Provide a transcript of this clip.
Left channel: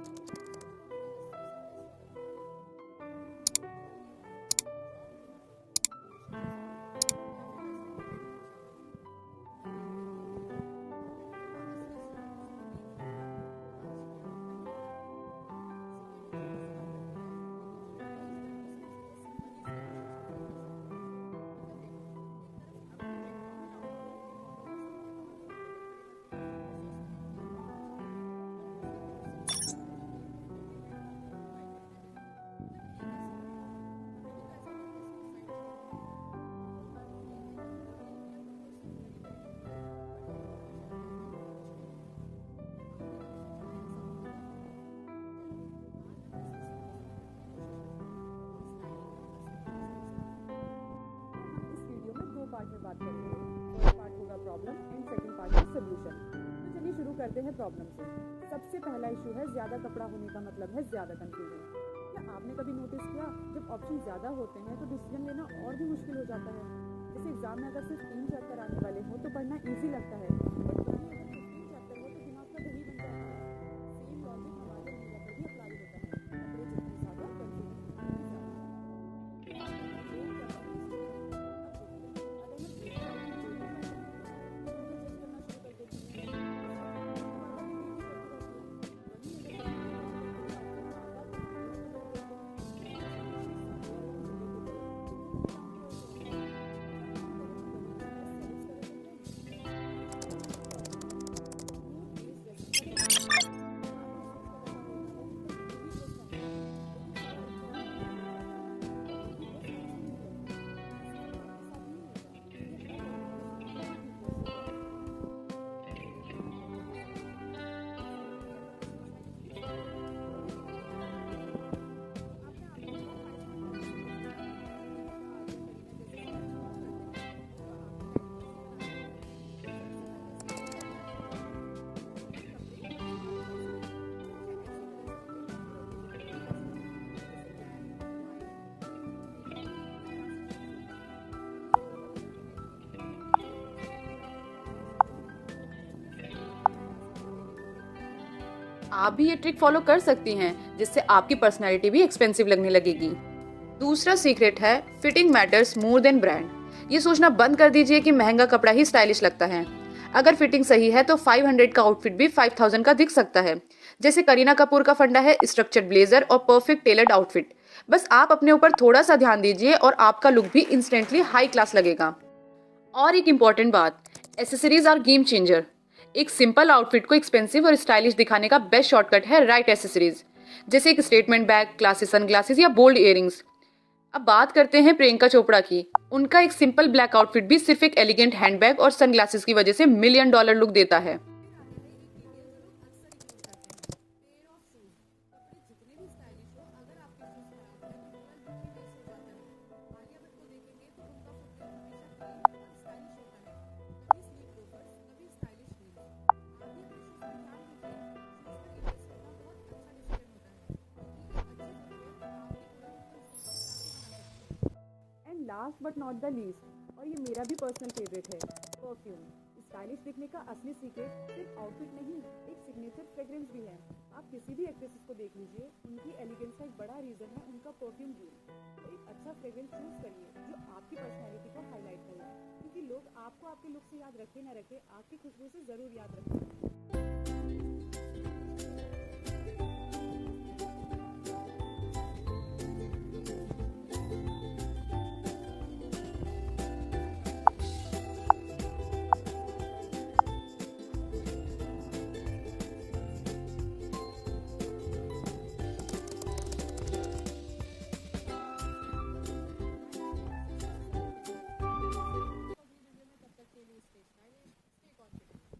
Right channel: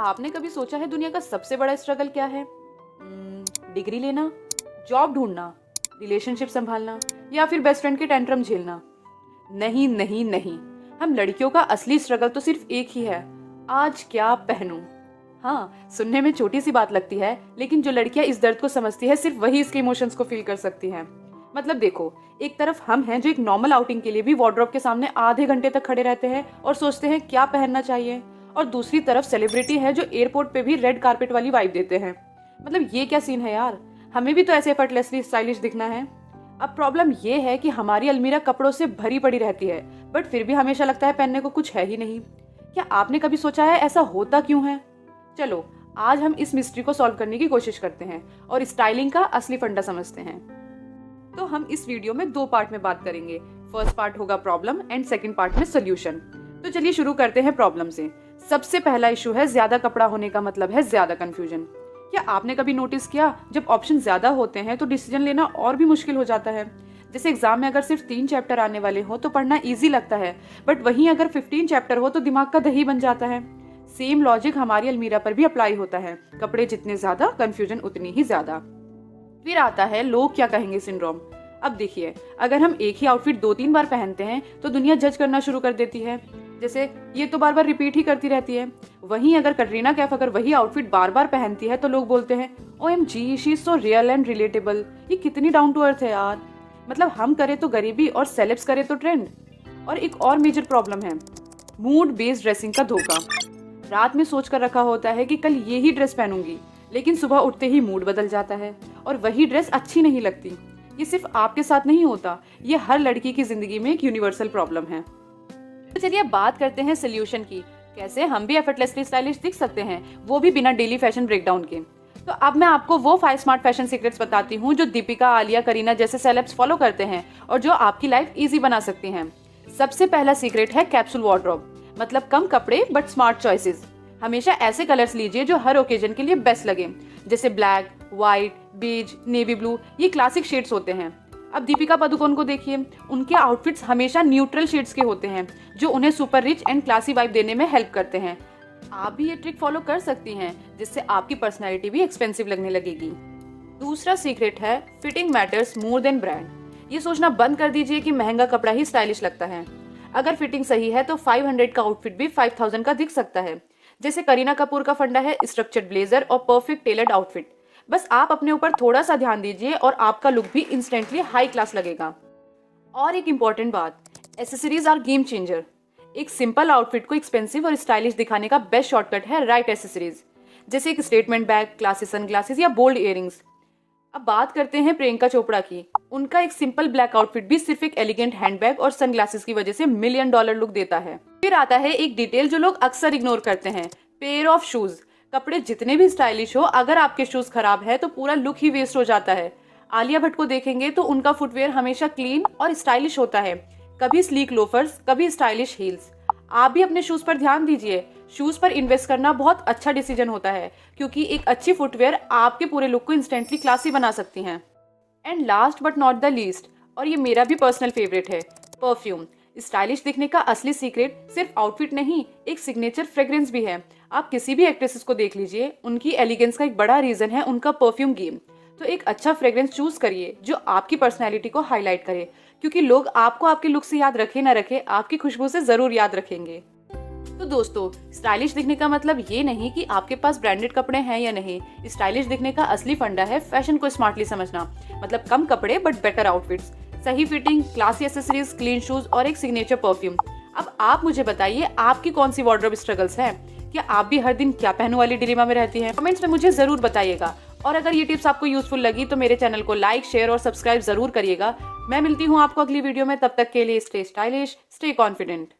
आपने कभी सोचा है दुनिया का सबसे बड़ा स्ट्रगल क्या है? डिग्री लेना, जॉब ढूंढना, रिलेशनशिप संभालना या फिर बेस्ट फ्रेंड के टेंट्रम झेलना? नहीं नहीं नहीं, हम लड़कियों का असली स्ट्रगल तो सिर्फ एक ही है, आज क्या पहनूं। हाँ, सुनने में छोटी सी बात लगती है, लेकिन जो लड़कियां इस दर्द को समझती है सिर्फ वही इसके इमोशंस को फील कर सकती हैं। मतलब देखो, एक तरफ हम हैं जो एक नॉर्मल आउटिंग के लिए भी वार्डरोब के सामने आधे घंटे तक खड़े रहते हैं और सोचते हैं क्या पहनना चाहिए, और दूसरी तरफ सेलिब्रिटी है जो एयरपोर्ट पे भी रेड कारपेट वाली वाइब देते हैं। मतलब ये क्या सीन है यार, हमें भी तो ऐसे एफर्टलेसली स्टाइलिश दिखना है। अब प्रॉब्लम ये है कि हमारी अलमीरा कपड़ों से भरी पड़ी रहती है, बट फिर भी हमेशा लगता है पहनने को कुछ है ही नहीं। क्या आपने कभी सोचा है ऐसा होता क्यों है? चलो आज हम इस मिस्ट्री को सॉल्व करने की कोशिश करते हैं और स्टाइलिंग का असली फंडा समझते हैं। तो हम इस वीडियो में 2 पार्ट में बात करेंगे। फर्स्ट पार्ट होगा प्रॉब्लम एंड सेकंड पार्ट में सोल्यूशन। तो चलिए शुरू करते हैं प्रॉब्लम से। सबसे पहला इशू है ज्यादा कपड़ा होने का मतलब है ज्यादा कंफ्यूजन। क्या आपने कभी नोटिस किया, जब ऑप्शन ज्यादा होते हैं तो डिसीजन लेना और भी मुश्किल हो जाता है। जैसे एग्जाम में अगर सिर्फ 3 चैप्टर आने वाले हो तो पढ़ना इजी लगता है, बट वहीं अगर 15 चैप्टर हो तो दिमाग का दही बन जाता है। सेम लॉजिक हमारी अलमीरा पर भी अप्लाई होता है, कपड़े जितने ज्यादा कंफ्यूजन उतनी ही ज्यादा। फिर आता है लोग क्या कहेंगे सिंड्रोम। अब देखिए, अगर हम एक ही आउटफिट 2-3 बार पहनते हैं तो दुनिया जज करना शुरू कर देती है, जैसे ये तो बार बार रिपीट ही करती रहती है। वहीं अगर कटरीना कैफ अगर वही आउटफिट बार बार पहनती है तो लोग बोलते हैं OMG, she is so real and relatable, ये कितनी डाउन टू अर्थ है यार। मतलब हम करे तो गरीबी और सेलेब्स करे तो ट्रेंड। और एक और मेजर प्रॉब्लम है मूड बेस्ड ड्रेसिंग का धोखा। रात में सोच कर रखा होता है कि कल ये ही ड्रेस पहनूंगी, लेकिन सुबह उठते ही मूड बदल जाता है और वही ड्रेस अच्छी नहीं लगती। ये सिर्फ आपके साथ नहीं होता, ये हर लड़की की जिंदगी में एक यूनिवर्सल प्रॉब्लम है। तो चलिए बात करते हैं सोल्यूशन की, कैसे हम भी एफर्टलेसली स्टाइलिश दिख सकते हैं, वो भी बिना डेली फैशन ब्रेकडाउन के। तो अब मैं आपको वो 5 स्मार्ट फैशन सीक्रेट्स बताती हूँ जो दीपिका, आलिया, करीना जैसे सेलेब्स फॉलो करते हैं और जो आपकी लाइफ इजी बना सकती हैं। सबसे पहला सीक्रेट है कैप्सूल वार्डरोब, मतलब कम कपड़े बट स्मार्ट चॉइसेस। हमेशा ऐसे कलर्स लीजिए जो हर ओकेजन के लिए बेस्ट लगे, जैसे black, white, beige, navy blue, ये क्लासिक शेड्स होते हैं। अब दीपिका पादुकोण को देखिए, उनके आउटफिट्स हमेशा न्यूट्रल शेड्स के होते हैं जो उन्हें super rich and classy vibe देने में हेल्प करते हैं। आप भी ये ट्रिक फॉलो कर सकती हैं, जिससे आपकी पर्सनैलिटी भी एक्सपेंसिव लगने लगेगी। दूसरा सीक्रेट है fitting matters more than brand. ये सोचना बंद कर दीजिए कि महंगा कपड़ा ही स्टाइलिश लगता है। अगर फिटिंग सही है तो 500 का आउटफिट भी 5000 का दिख सकता है। जैसे करीना कपूर का फंडा है स्ट्रक्चर्ड ब्लेजर और परफेक्ट टेलर्ड आउटफिट। बस आप अपने ऊपर थोड़ा सा ध्यान दीजिए और आपका लुक भी इंस्टेंटली हाई क्लास लगेगा। और एक इम्पॉर्टेंट बात, एसेसरीज आर गेम चेंजर। एक सिंपल आउटफिट को एक्सपेंसिव और स्टाइलिश दिखाने का बेस्ट शॉर्टकट है राइट एसेसरीज, जैसे एक स्टेटमेंट बैग, क्लासी सनग्लासेस या बोल्ड इयररिंग्स। अब बात करते हैं प्रियंका चोपड़ा की। उनका एक सिंपल ब्लैक आउटफिट भी सिर्फ एक एलिगेंट हैंडबैग और सनग्लासेस की वजह से $1 मिलियन लुक देता है। फिर आता है एक डिटेल जो लोग अक्सर इग्नोर करते हैं, पेयर ऑफ शूज। कपड़े जितने भी स्टाइलिश हो, अगर आपके शूज खराब है तो पूरा लुक ही वेस्ट हो जाता है। आलिया भट्ट को देखेंगे तो उनका फुटवेयर हमेशा क्लीन और स्टाइलिश होता है, कभी स्लीक लोफर्स, कभी स्टाइलिश हील्स। आप भी अपने शूज पर ध्यान दीजिए। शूज पर इन्वेस्ट करना बहुत अच्छा डिसीजन होता है, क्योंकि एक अच्छी फुटवेयर आपके पूरे लुक को इंस्टेंटली क्लासी बना सकती हैं। And last but not the least, और ये मेरा भी पर्सनल फेवरेट है, परफ्यूम। स्टाइलिश दिखने का असली सीक्रेट सिर्फ आउटफिट नहीं, एक सिग्नेचर फ्रेग्रेंस भी है। आप किसी भी एक्ट्रेसेस को देख लीजिए, उनकी एलिगेंस का एक बड़ा रीजन है उनका परफ्यूम गेम। तो एक अच्छा फ्रेग्रेंस चूज करिए जो आपकी पर्सनैलिटी को हाईलाइट करे, क्योंकि लोग आपको आपके लुक से याद रखे ना रखे, आपकी खुशबू से जरूर याद रखेंगे। तो दोस्तों, स्टाइलिश दिखने का मतलब ये नहीं कि आपके पास ब्रांडेड कपड़े हैं या नहीं। स्टाइलिश दिखने का असली फंडा है फैशन को स्मार्टली समझना, मतलब कम कपड़े बट बेटर आउटफिट्स, सही fitting, classy accessories, clean shoes और एक सिग्नेचर परफ्यूम। अब आप मुझे बताइए, आपकी कौन सी वार्डरोब स्ट्रगल्स हैं? क्या आप भी हर दिन क्या पहनूं वाली डिलेमा में रहती हैं? कमेंट्स में मुझे जरूर बताइएगा। और अगर ये टिप्स आपको यूजफुल लगी तो मेरे चैनल को लाइक, शेयर और सब्सक्राइब जरूर करिएगा। मैं मिलती हूँ आपको अगली वीडियो में, तब तक के लिए स्टे स्टाइलिश, स्टे कॉन्फिडेंट।